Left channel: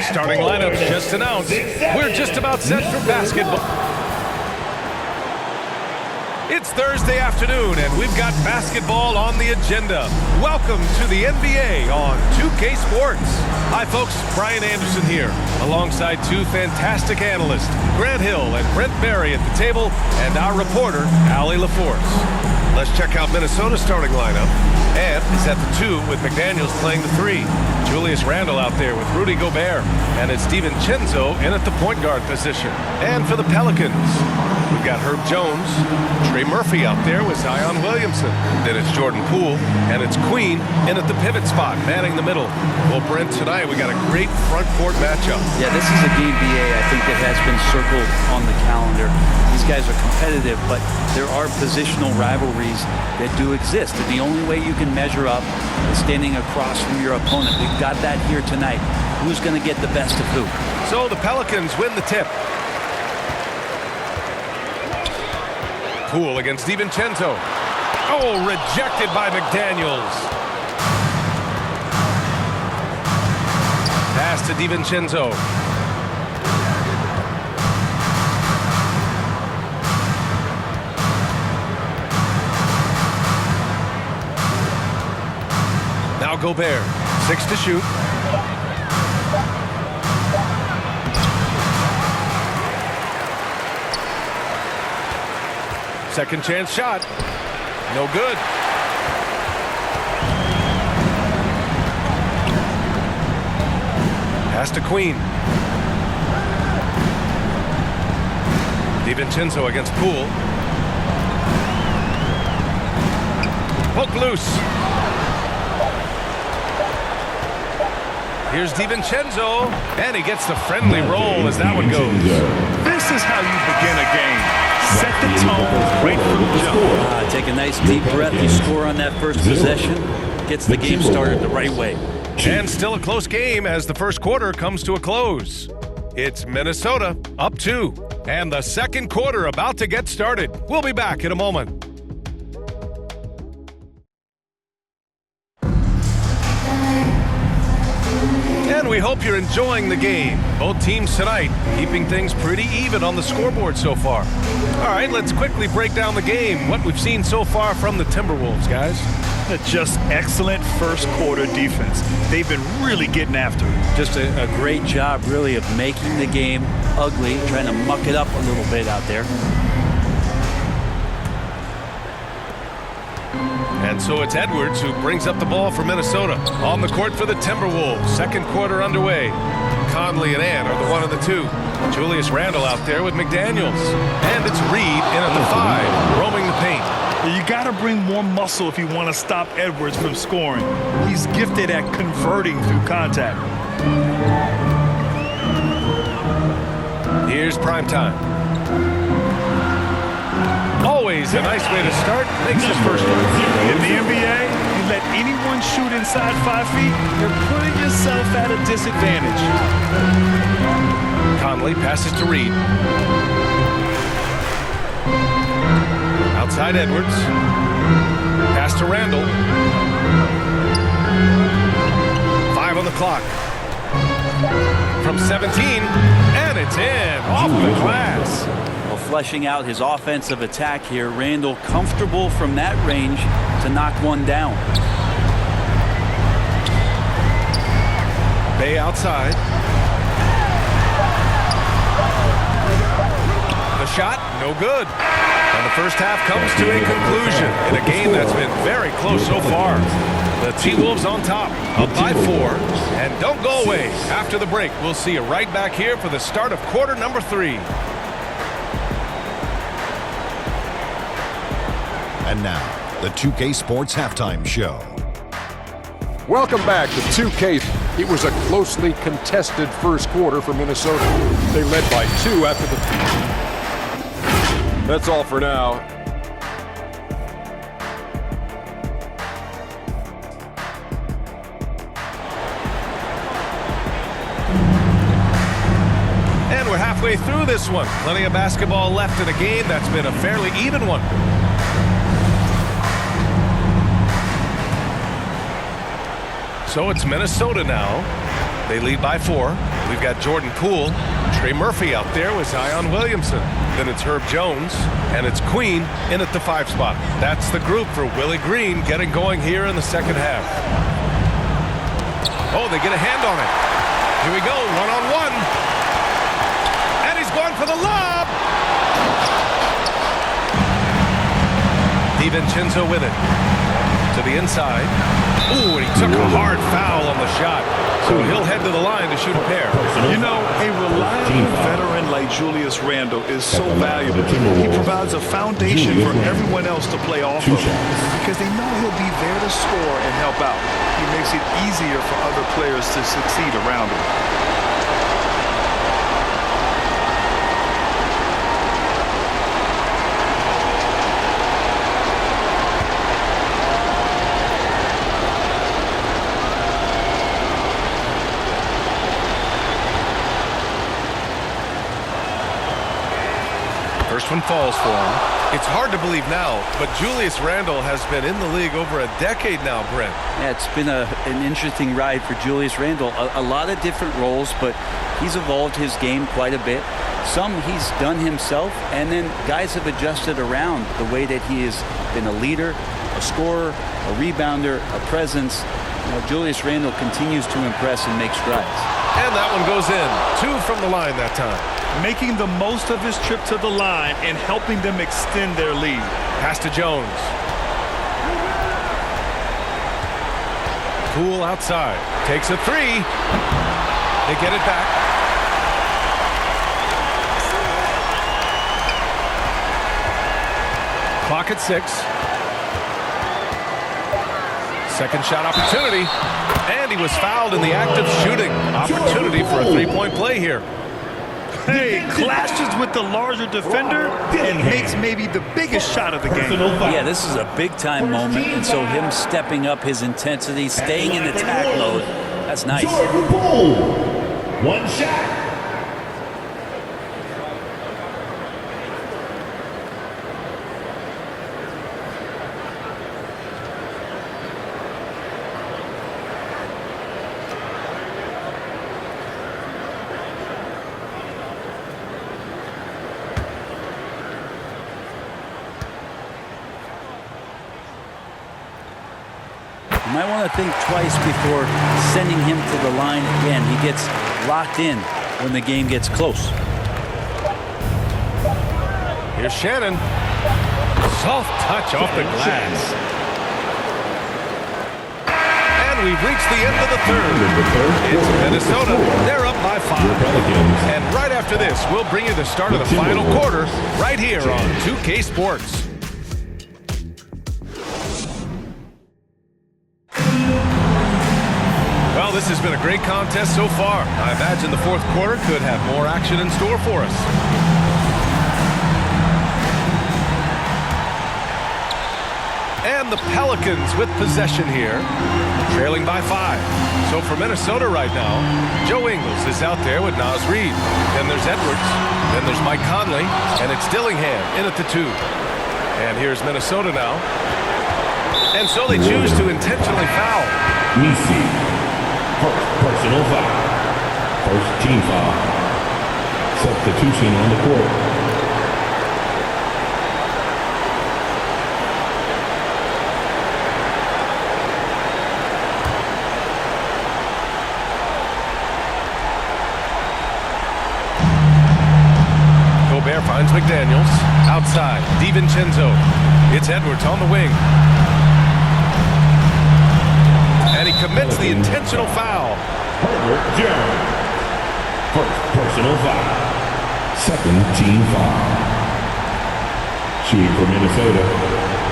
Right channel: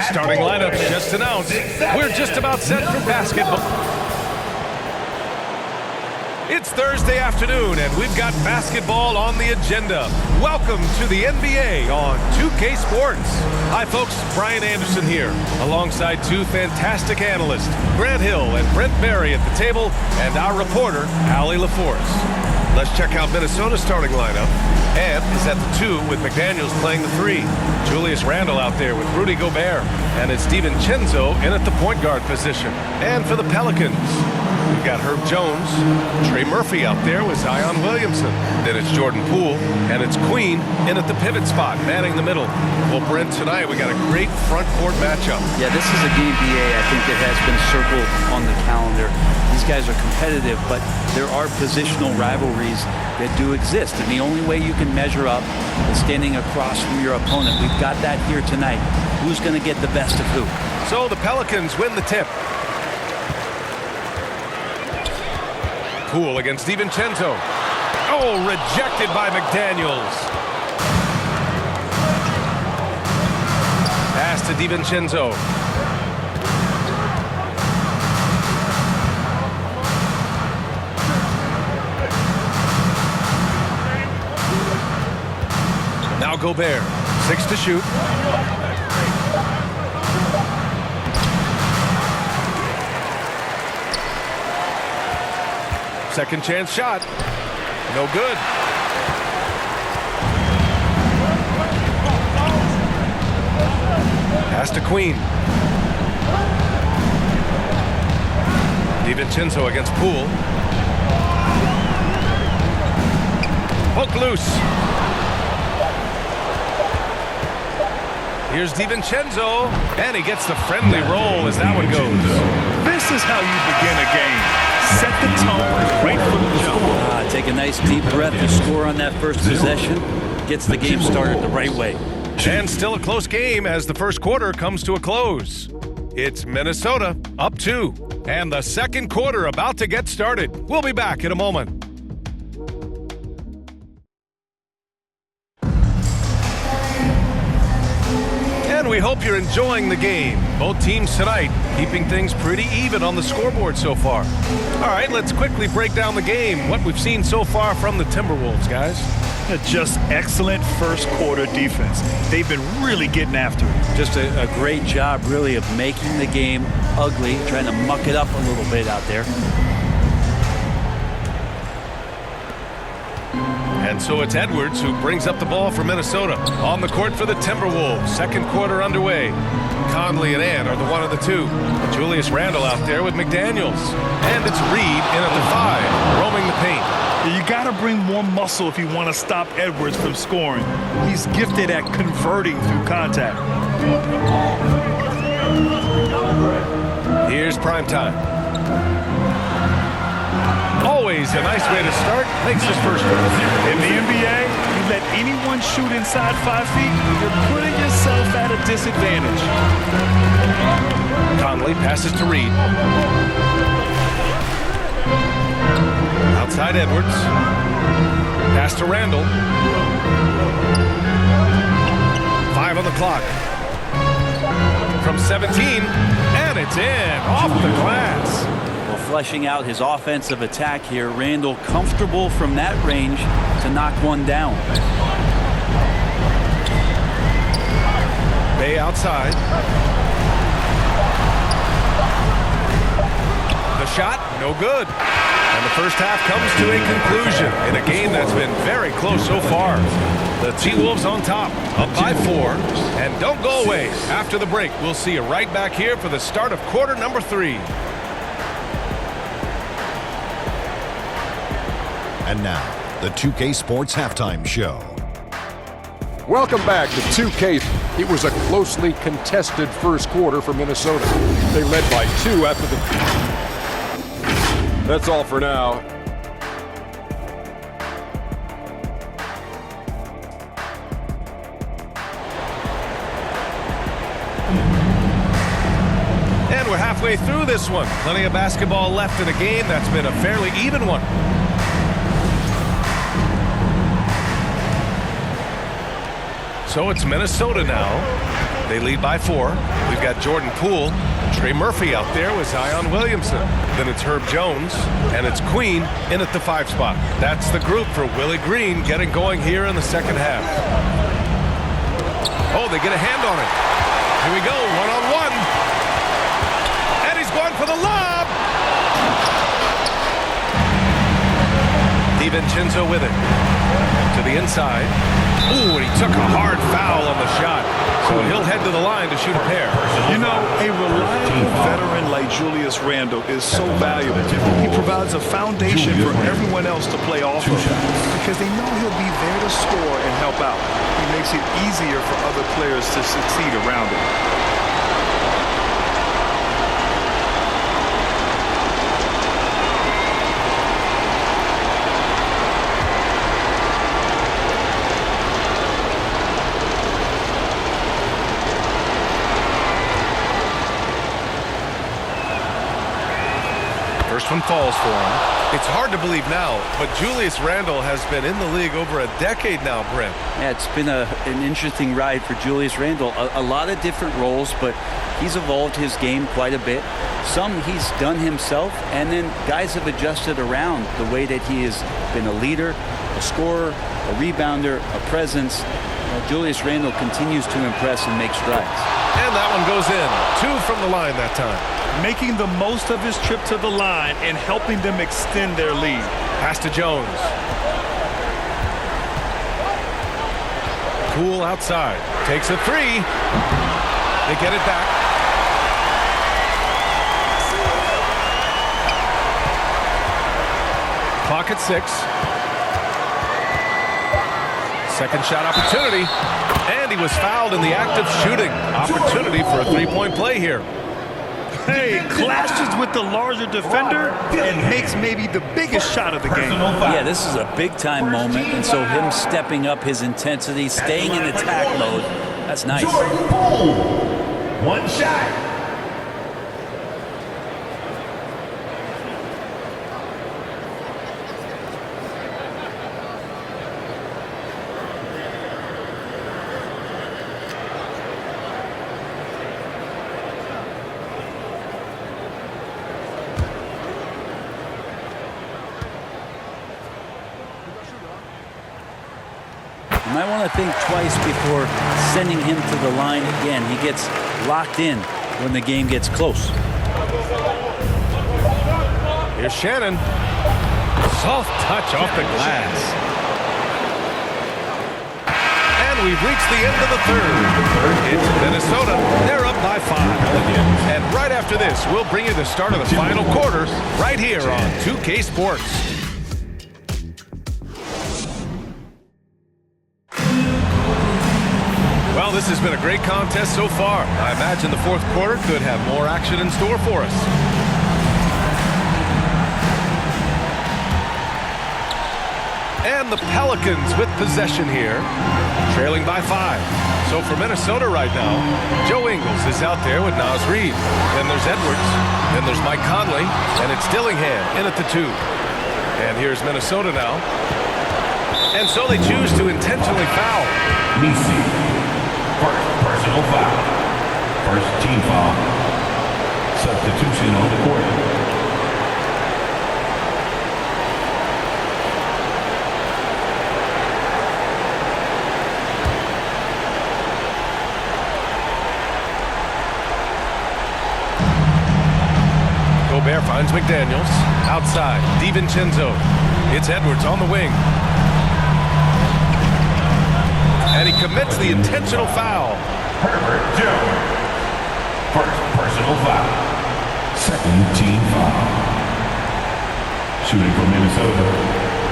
Starting lineups just announced. We're just about set for basketball. It's Thursday afternoon, and we've got basketball on the agenda. Welcome to the NBA on 2K Sports. Hi, folks. Brian Anderson here, alongside two fantastic analysts, Grant Hill and Brent Berry at the table, and our reporter, Allie LaForce. Let's check out Minnesota's starting lineup. Ant is at the 2 with McDaniels playing the 3. Julius Randle out there with Rudy Gobert. And it's DiVincenzo in at the point guard position. And for the Pelicans, we've got Herb Jones, Trey Murphy out there with Zion Williamson. Then it's Jordan Poole, and it's Queen in at the pivot spot, manning the middle. Well, Brent, tonight we got a great front court matchup. Yeah, this is a game, BA, I think that has been circled on the calendar. These guys are competitive, but there are positional rivalries that do exist, and the only way you can measure up is standing across from your opponent. We've got that here tonight. Who's going to get the best of who? So the Pelicans win the tip. Poole against DiVincenzo. Oh, rejected by McDaniels. Pass to DiVincenzo. Now Gobert, 6 to shoot. Second chance shot. No good. Pass to Queen. DiVincenzo against Poole. Hook loose. Here's DiVincenzo, and he gets the friendly roll as that one goes. This is how you begin a game. Set the tone right from the jump. Take a nice deep breath. You score on that first possession. Gets the game started the right way. And still a close game as the first quarter comes to a close. It's Minnesota up 2, and the second quarter about to get started. We'll be back in a moment. And we hope you're enjoying the game. Both teams tonight keeping things pretty even on the scoreboard so far. All right, let's quickly break down the game, what we've seen so far from the Timberwolves, guys. Just excellent first quarter defense. They've been really getting after it. Just a great job, really, of making the game ugly, trying to muck it up a little bit out there. And so it's Edwards who brings up the ball for Minnesota. On the court for the Timberwolves. Second quarter underway. Conley and Ant are the 1 and the 2. Julius Randle out there with McDaniels. And it's Reed in at the 5, roaming the paint. You got to bring more muscle if you want to stop Edwards from scoring. He's gifted at converting through contact. Here's primetime. Always a nice way to start. Makes his first one. In the NBA, you let anyone shoot inside 5 feet, you're putting yourself at a disadvantage. Conley passes to Reed. Outside Edwards. Pass to Randle. 5 on the clock. From 17, and it's in, off the glass. Well, fleshing out his offensive attack here, Randle comfortable from that range to knock one down. Bay outside. The shot, no good. And the first half comes to a conclusion in a game that's been very close so far. The T-Wolves on top, up by 4. And don't go away. After the break, we'll see you right back here for the start of quarter number 3. And now, the 2K Sports Halftime Show. Welcome back to 2K. It was a closely contested first quarter for Minnesota. They led by 2 after the... That's all for now. And we're halfway through this one. Plenty of basketball left in a game that's been a fairly even one. So it's Minnesota now. They lead by 4. We've got Jordan Poole. Trey Murphy out there with Zion Williamson. Then it's Herb Jones, and it's Queen in at the 5 spot. That's the group for Willie Green getting going here in the second half. Oh, they get a hand on it. Here we go, one-on-one. And he's going for the lob. DiVincenzo with it. To the inside. Ooh, and he took a hard foul on the shot. So he'll head to the line to shoot a pair. You know, a reliable veteran like Julius Randle is so valuable. He provides a foundation for everyone else to play off of because they know he'll be there to score and help out. He makes it easier for other players to succeed around him. First one falls for him. It's hard to believe now, but Julius Randle has been in the league over a decade now, Brent. Yeah, it's been an interesting ride for Julius Randle. A lot of different roles, but he's evolved his game quite a bit. Some he's done himself, and then guys have adjusted around the way that he has been a leader, a scorer, a rebounder, a presence. You know, Julius Randle continues to impress and make strides. And that one goes in. 2 from the line that time. Making the most of his trip to the line and helping them extend their lead. Pass to Jones. Cool outside. Takes a 3. They get it back. Clock at 6. Second shot opportunity. And he was fouled in the act of shooting. Opportunity for a 3-point play here. Hey, clashes with the larger defender and makes maybe the biggest shot of the game. Yeah, this is a big-time moment, and so him stepping up his intensity, staying in attack mode, that's nice. One shot. You might want to think twice before sending him to the line again. He gets locked in when the game gets close. Here's Shannon. Soft touch off the glass. And we've reached the end of the third. It's Minnesota. They're up by 5. And right after this, we'll bring you the start of the final quarter right here on 2K Sports. Well, this has been a great contest so far. I imagine the fourth quarter could have more action in store for us. And the Pelicans with possession here, trailing by 5. So for Minnesota right now, Joe Ingles is out there with Naz Reid. Then there's Edwards. Then there's Mike Conley. And it's Dillingham in at the 2. And here's Minnesota now. And so they choose to intentionally foul. Nisi. First personal foul. First team foul. Substitution on the court. Gobert finds McDaniels. Outside, DiVincenzo. It's Edwards on the wing. And he commits the intentional foul. Herbert Jones. First personal foul. Second team foul. Shooting for Minnesota,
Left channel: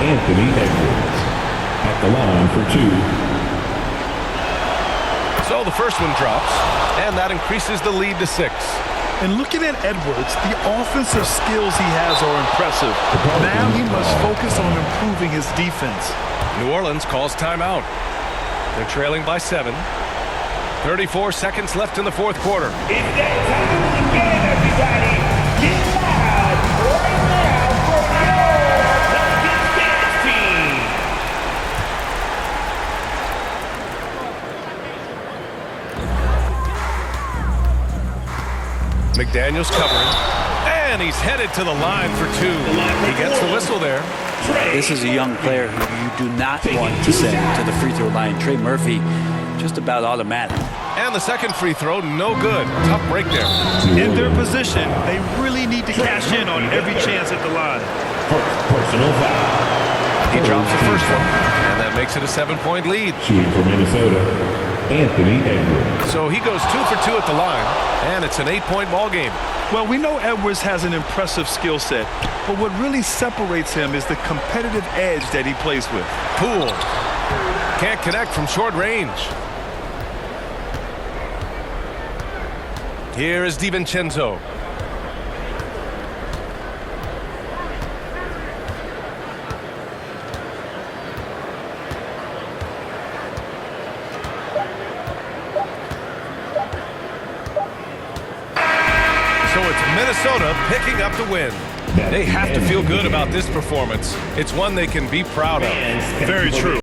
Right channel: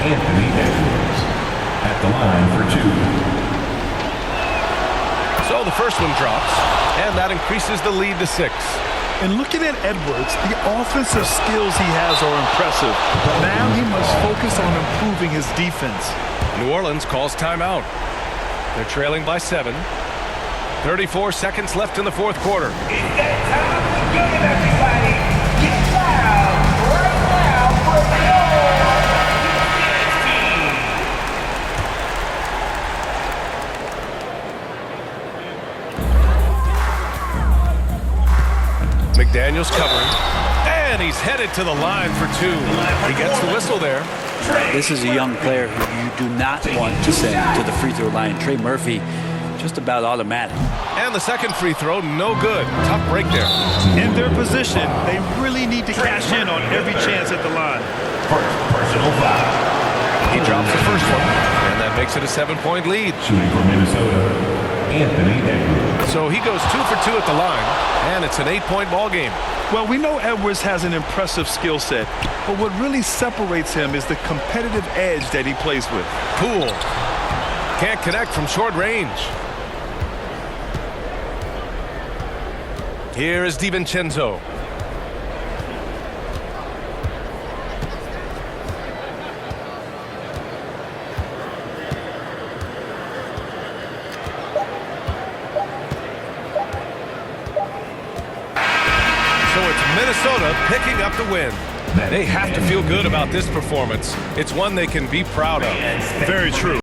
Anthony Edwards. At the line for 2. So the first one drops, and that increases the lead to 6. And looking at Edwards, the offensive skills he has are impressive. Now he must focus on improving his defense. New Orleans calls timeout. They're trailing by 7. 34 seconds left in the fourth quarter. It's that time of the game, everybody. Get loud right now for your defense team. McDaniel's covering. And he's headed to the line for two. He gets the whistle there. This is a young player who you do not want to send to the free throw line. Trey Murphy, just about automatic. And the second free throw, no good. Tough break there. In their position, they really need to cash in on every chance at the line. Personal foul. He drops the first one, and that makes it a 7-point lead. Shooting for Minnesota, Anthony Edwards. So he goes 2 for 2 at the line, and it's an 8-point ball game. Well, we know Edwards has an impressive skill set, but what really separates him is the competitive edge that he plays with. Poole can't connect from short range. Here is DiVincenzo. So it's Minnesota picking up the win. They have to feel good about this performance. It's one they can be proud of. Very true.